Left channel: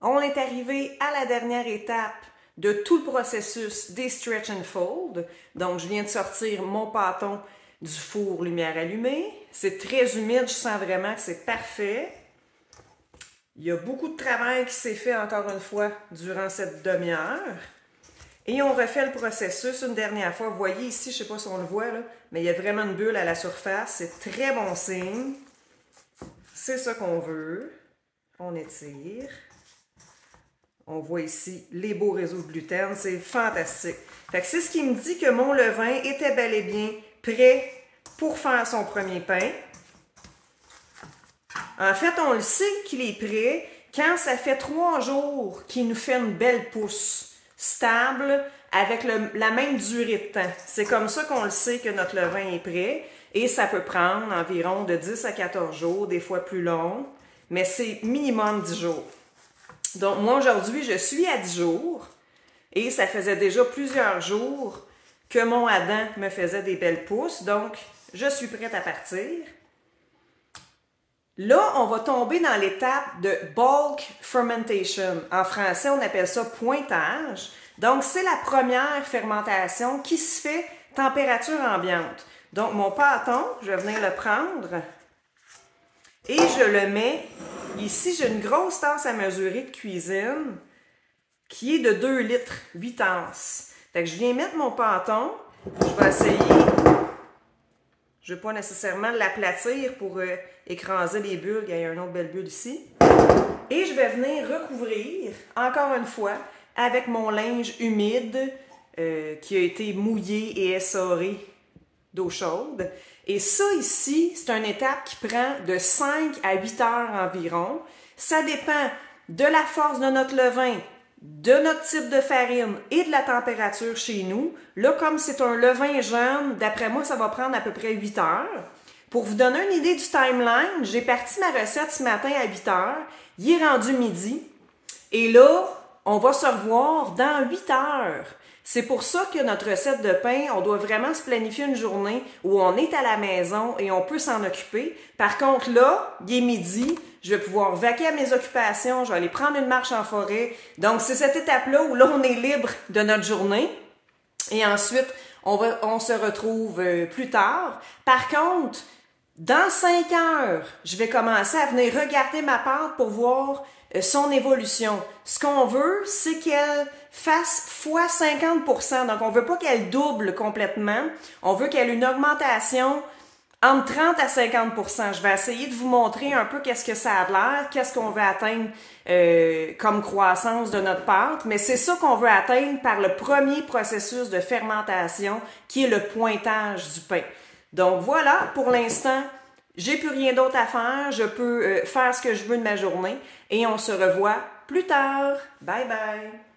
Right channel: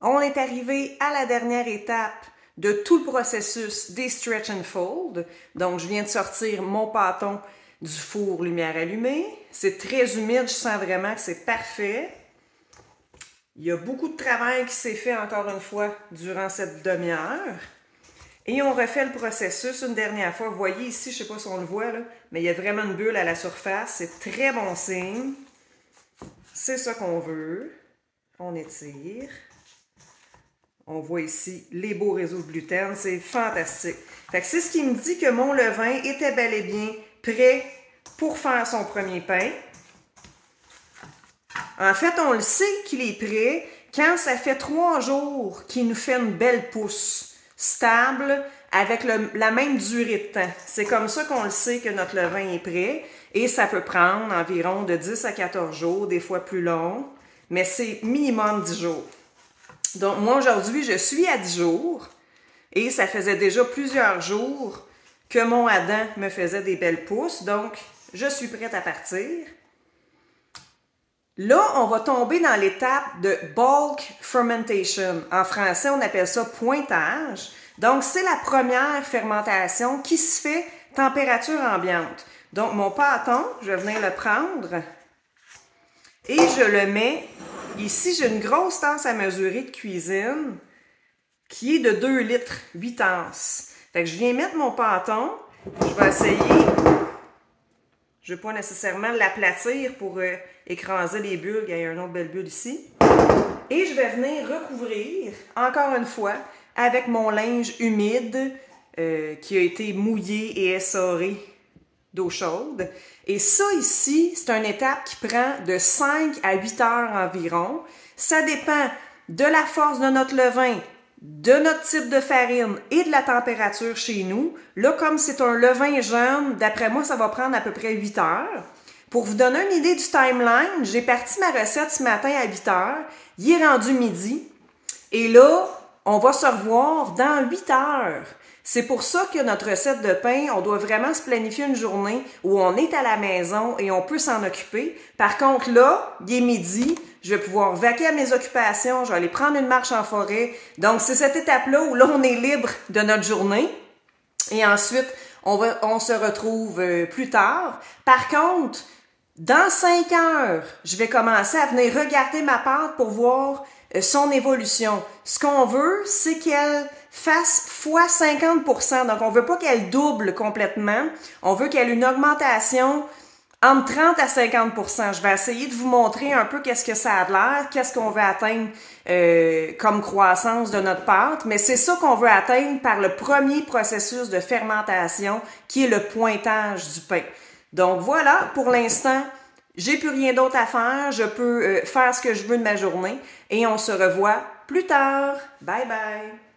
On est arrivé à la dernière étape de tout le processus des stretch and fold. Donc, je viens de sortir mon pâton du four lumière allumée. C'est très humide, je sens vraiment que c'est parfait. Il y a beaucoup de travail qui s'est fait encore une fois durant cette demi-heure. Et on refait le processus une dernière fois. Vous voyez ici, je ne sais pas si on le voit, là, mais il y a vraiment une bulle à la surface. C'est très bon signe. C'est ça qu'on veut. On étire. On voit ici les beaux réseaux de gluten. C'est fantastique. Fait que c'est ce qui me dit que mon levain était bel et bien prêt pour faire son premier pain. En fait, on le sait qu'il est prêt quand ça fait 3 jours qu'il nous fait une belle pousse stable avec la même durée de temps. C'est comme ça qu'on le sait que notre levain est prêt et ça peut prendre environ de 10 à 14 jours, des fois plus long, mais c'est minimum 10 jours. Donc moi aujourd'hui, je suis à 10 jours et ça faisait déjà plusieurs jours que mon Adam me faisait des belles pousses, donc je suis prête à partir. Là, on va tomber dans l'étape de bulk fermentation. En français, on appelle ça pointage. Donc, c'est la première fermentation qui se fait température ambiante. Donc, mon pâton, je vais venir le prendre et je le mets ici. J'ai une grosse tasse à mesurer de cuisine qui est de 2 litres, 8 onces. Fait que je viens mettre mon pâton. Je vais essayer. Je ne veux pas nécessairement l'aplatir pour écraser les bulles. Il y a une autre belle bulle ici. Et je vais venir recouvrir, encore une fois, avec mon linge humide qui a été mouillé et essoré d'eau chaude. Et ça ici, c'est une étape qui prend de 5 à 8 heures environ. Ça dépend de la force de notre levain, de notre type de farine et de la température chez nous. Là, comme c'est un levain jeune, d'après moi, ça va prendre à peu près 8 heures. Pour vous donner une idée du timeline, j'ai parti ma recette ce matin à 8 heures. Il est rendu midi. Et là, on va se revoir dans 8 heures. C'est pour ça que notre recette de pain, on doit vraiment se planifier une journée où on est à la maison et on peut s'en occuper. Par contre, là, il est midi, je vais pouvoir vaquer à mes occupations, je vais aller prendre une marche en forêt. Donc, c'est cette étape-là où là, on est libre de notre journée. Et ensuite, on se retrouve plus tard. Par contre, dans 5 heures, je vais commencer à venir regarder ma pâte pour voir son évolution. Ce qu'on veut, c'est qu'elle fasse fois 50%. Donc, on veut pas qu'elle double complètement. On veut qu'elle ait une augmentation entre 30 à 50%. Je vais essayer de vous montrer un peu qu'est-ce que ça a l'air, qu'est-ce qu'on veut atteindre comme croissance de notre pâte. Mais c'est ça qu'on veut atteindre par le premier processus de fermentation qui est le pointage du pain. Donc, voilà, pour l'instant, j'ai plus rien d'autre à faire. Je peux faire ce que je veux de ma journée et on se revoit plus tard. Bye bye!